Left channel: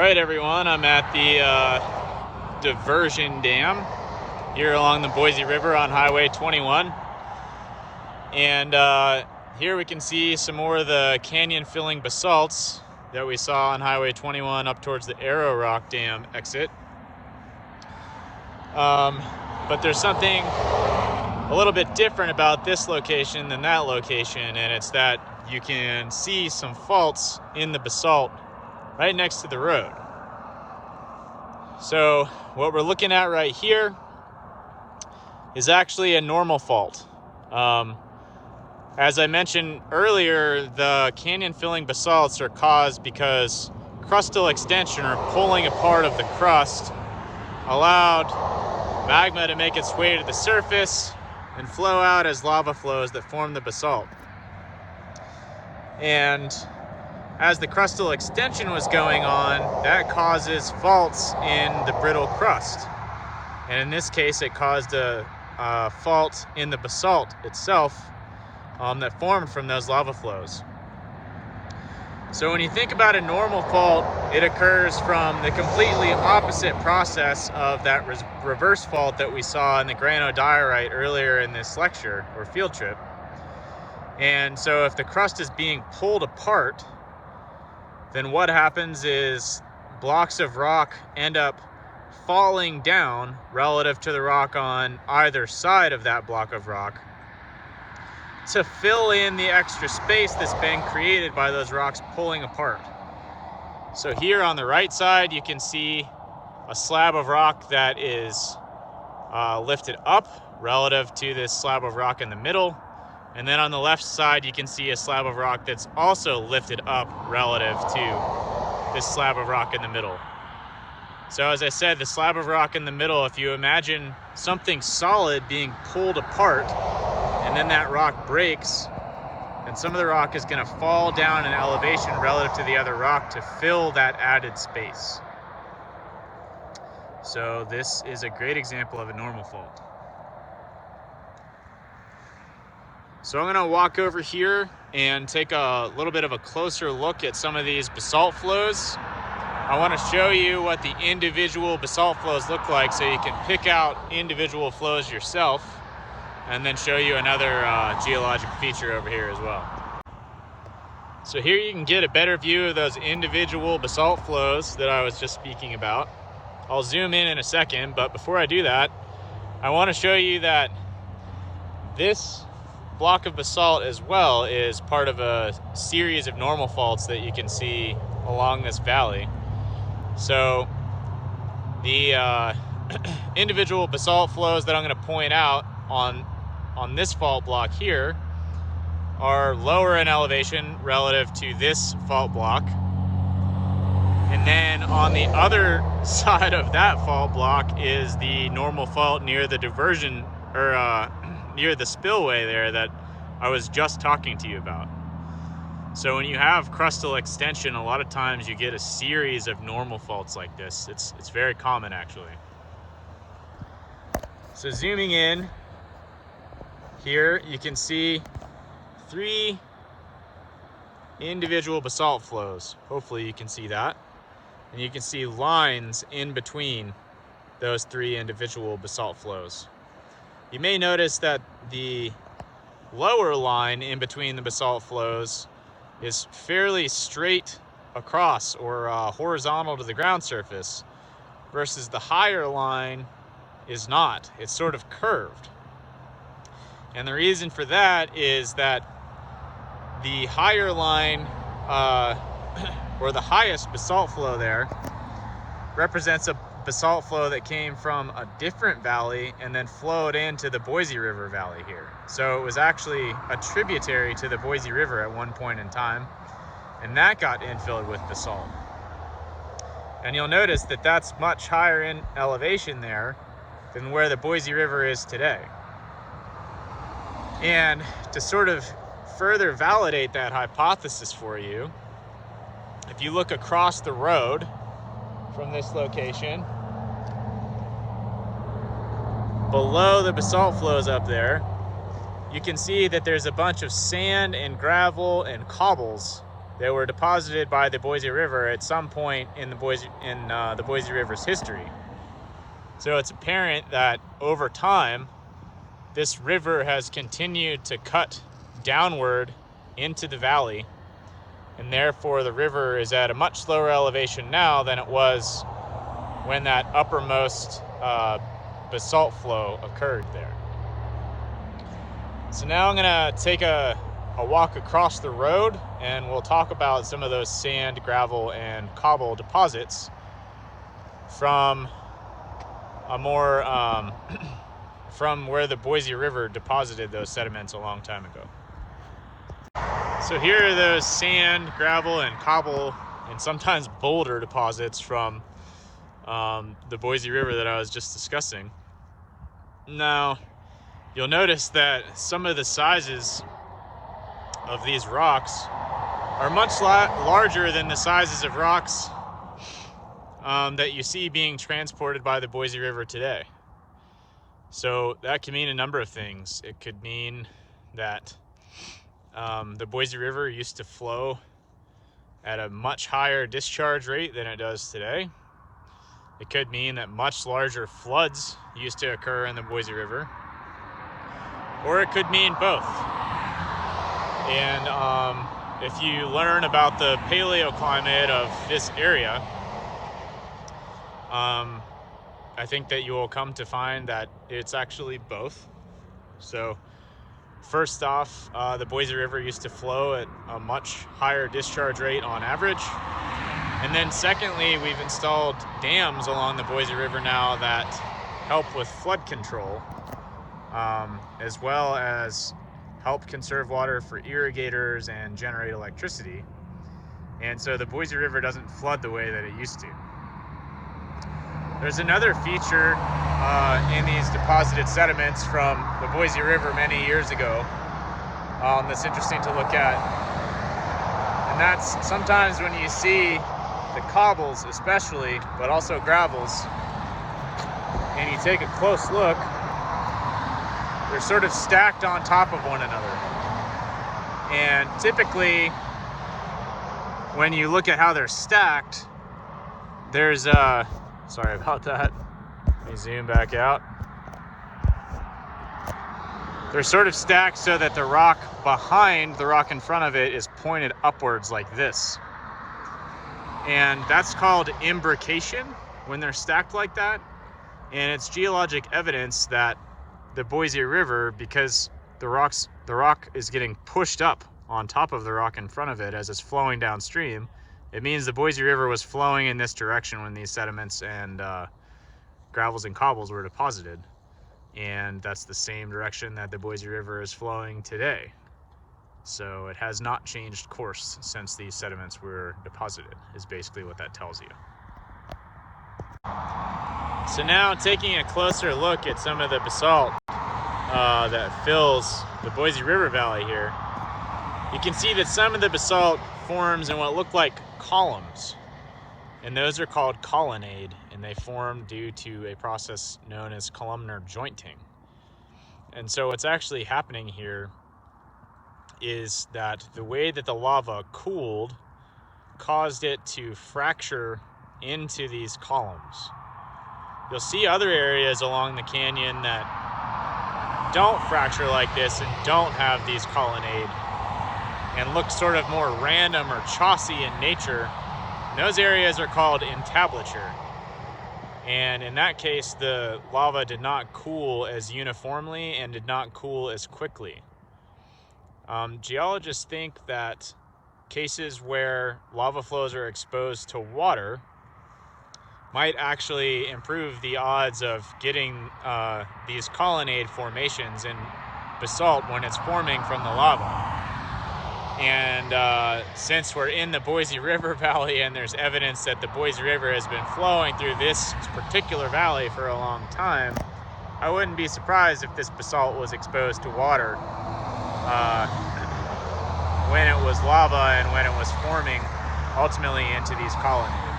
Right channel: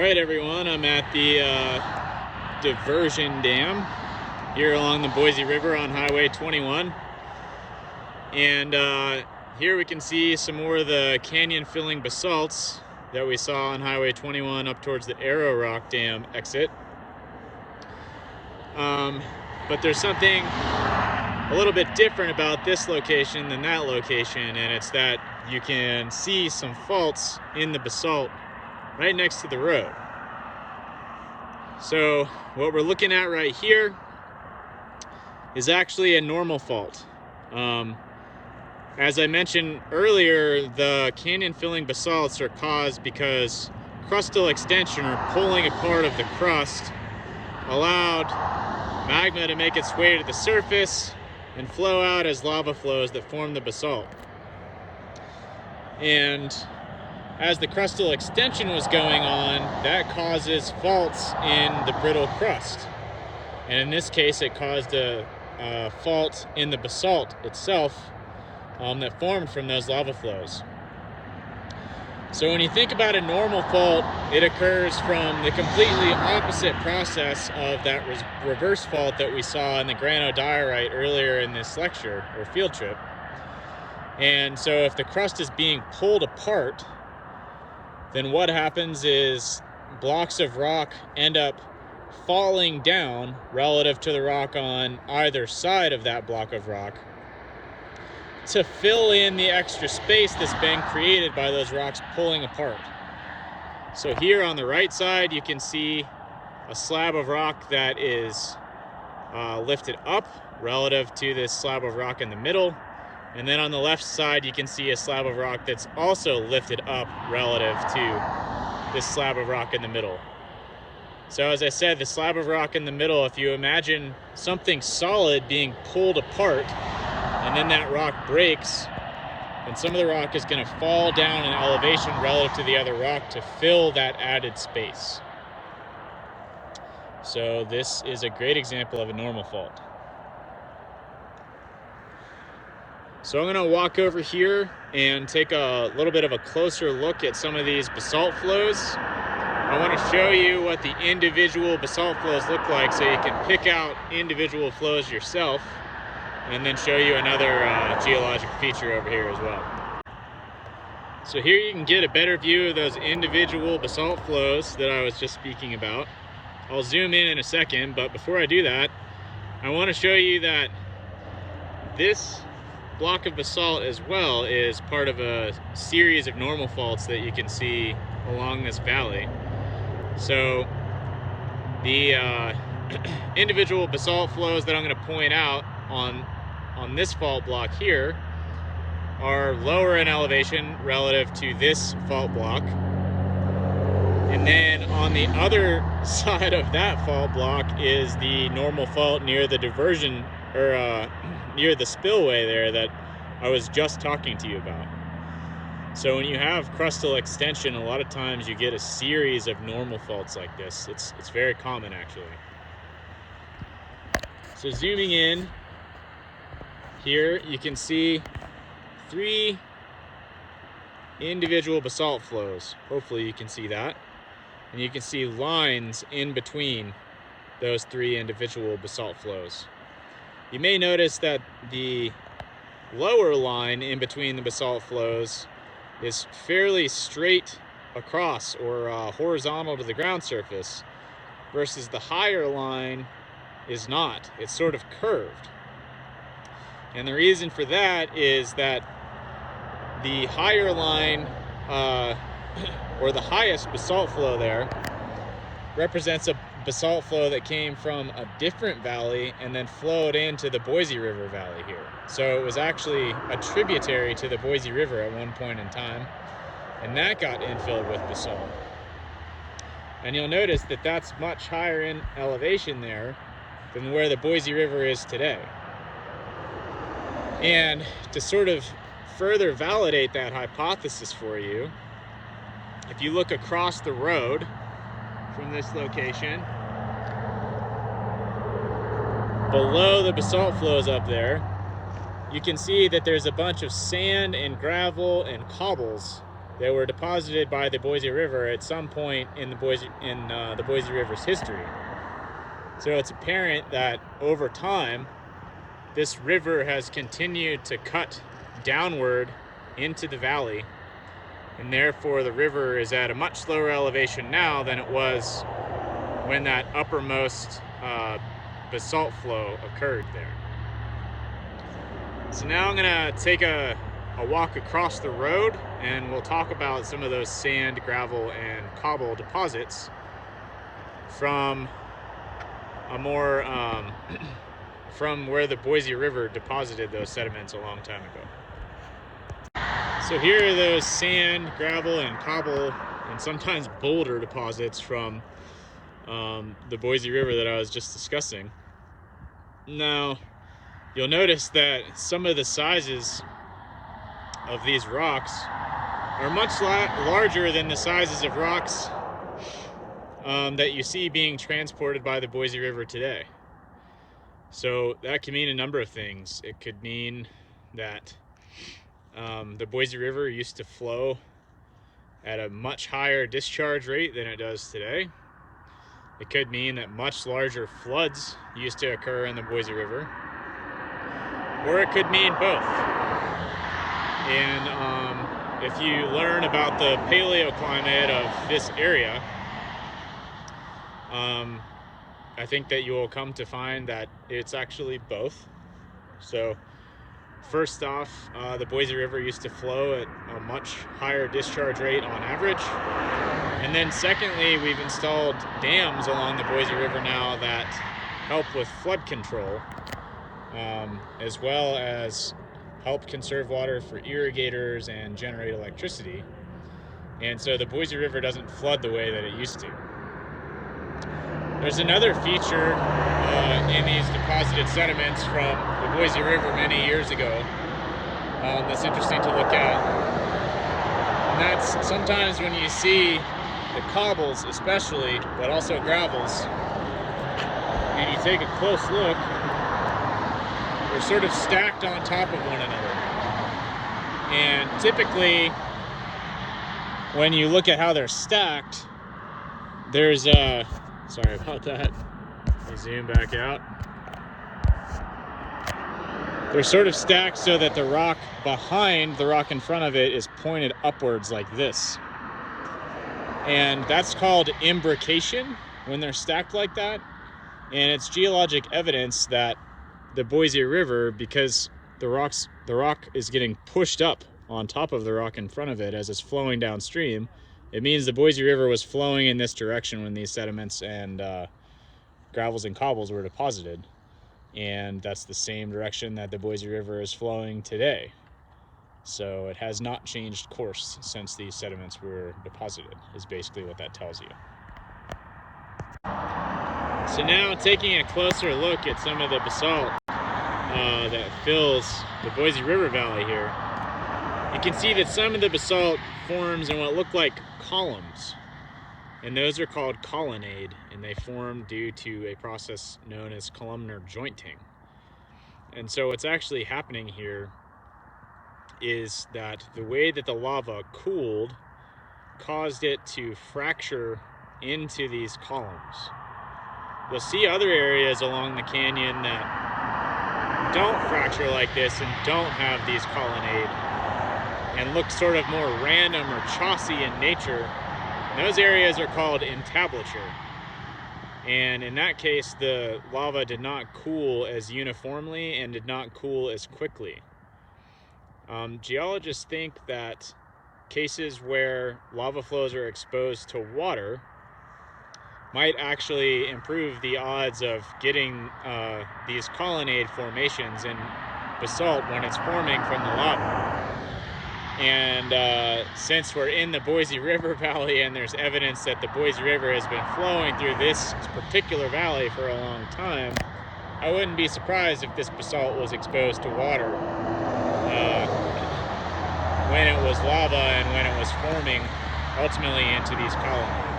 Alright everyone, I'm at the diversion dam here along the Boise River on Highway 21. And here we can see some more of the canyon filling basalts that we saw on Highway 21 up towards the Arrow Rock Dam exit. But there's something a little bit different about this location than that location, and it's that you can see some faults in the basalt right next to the road. So what we're looking at right here is actually a normal fault. As I mentioned earlier, the canyon filling basalts are caused because crustal extension, or pulling apart of the crust, allowed magma to make its way to the surface and flow out as lava flows that form the basalt. And as the crustal extension was going on, that causes faults in the brittle crust. And in this case, it caused a fault in the basalt itself that formed from those lava flows. So when you think about a normal fault, it occurs from the completely opposite process of that reverse fault that we saw in the granodiorite earlier in this lecture or field trip. And so if the crust is being pulled apart, then what happens is blocks of rock end up falling down relative to the rock on either side of that block of rock to fill in the extra space that's been created by those rocks pulling apart. So here on the right side, you can see a slab of rock that is lifted up relative to this slab of rock in the middle. And then on the left side, you can see a slab of rock that's also lifted up relative to this slab of rock in the middle. So as I said, the slab of rock in the middle, if you imagine something solid being pulled apart and then that rock breaks, then some of the rock is going to fall down in elevation relative to the other rock to fill that added space. So this is a great example of a normal fault. So I'm going to walk over here and take a little bit of a closer look at some of these basalt flows. I want to show you what the individual basalt flows look like so you can pick out individual flows yourself, and then show you another geologic feature over here as well. So here you can get a better view of those individual basalt flows that I was just speaking about. I'll zoom in a second, but before I do that, I want to show you that this block of basalt as well is part of a series of normal faults that you can see along this valley. So the individual basalt flows that I'm going to point out on this fault block here are lower in elevation relative to this fault block. And then on the other side of that fault block is the normal fault near the diversion, or near the spillway there that I was just talking to you about. So when you have crustal extension, a lot of times you get a series of normal faults like this. It's very common actually. So zooming in here, you can see 3 individual basalt flows. Hopefully you can see that. And you can see lines in between those 3 individual basalt flows. You may notice that the lower line in between the basalt flows is fairly straight across, or horizontal to the ground surface, versus the higher line is not. It's sort of curved. And the reason for that is that the higher line, or the highest basalt flow there, represents a basalt flow that came from a different valley and then flowed into the Boise River Valley here. So it was actually a tributary to the Boise River at one point in time, and that got infilled with basalt. And you'll notice that that's much higher in elevation there than where the Boise River is today. And to sort of further validate that hypothesis for you, if you look across the road from this location, below the basalt flows up there, you can see that there's a bunch of sand and gravel and cobbles that were deposited by the Boise River at some point in the Boise River's history. So it's apparent that over time, this river has continued to cut downward into the valley, and therefore the river is at a much slower elevation now than it was when that uppermost basalt flow occurred there. So now I'm gonna take a walk across the road, and we'll talk about some of those sand, gravel, and cobble deposits from a more from where the Boise River deposited those sediments a long time ago. So here are those sand, gravel, and cobble, and sometimes boulder deposits from the Boise River that I was just discussing. Now, you'll notice that some of the sizes of these rocks are much larger than the sizes of rocks that you see being transported by the Boise River today. So that can mean a number of things. It could mean that the Boise River used to flow at a much higher discharge rate than it does today. It could mean that much larger floods used to occur in the Boise River. Or it could mean both. And if you learn about the paleoclimate of this area, I think that you will come to find that it's actually both. So first off, the Boise River used to flow at a much higher discharge rate on average. And then secondly, we've installed dams along the Boise River now that help with flood control, as well as help conserve water for irrigators and generate electricity. And so the Boise River doesn't flood the way that it used to. There's another feature in these deposited sediments from the Boise River many years ago that's interesting to look at. And that's sometimes when you see the cobbles especially, but also gravels, and you take a close look, they're sort of stacked on top of one another. And typically, when you look at how they're stacked, there's sorry about that. Let me zoom back out. They're sort of stacked so that the rock behind the rock in front of it is pointed upwards like this. And that's called imbrication when they're stacked like that. And it's geologic evidence that the Boise River, because the rock is getting pushed up on top of the rock in front of it as it's flowing downstream, it means the Boise River was flowing in this direction when these sediments and gravels and cobbles were deposited. And that's the same direction that the Boise River is flowing today. So it has not changed course since these sediments were deposited, is basically what that tells you. So now taking a closer look at some of the basalt that fills the Boise River Valley here, you can see that some of the basalt forms in what look like columns, and those are called colonnade, and they form due to a process known as columnar jointing. And so what's actually happening here is that the way that the lava cooled caused it to fracture into these columns. You'll see other areas along the canyon that don't fracture like this and don't have these colonnade and look sort of more random or chossy in nature. And those areas are called entablature. And in that case, the lava did not cool as uniformly and did not cool as quickly. Geologists think that cases where lava flows are exposed to water might actually improve the odds of getting these colonnade formations in basalt when it's forming from the lava. And since we're in the Boise River Valley and there's evidence that the Boise River has been flowing through this particular valley for a long time, I wouldn't be surprised if this basalt was exposed to water when it was lava and when it was forming ultimately into these colonnades.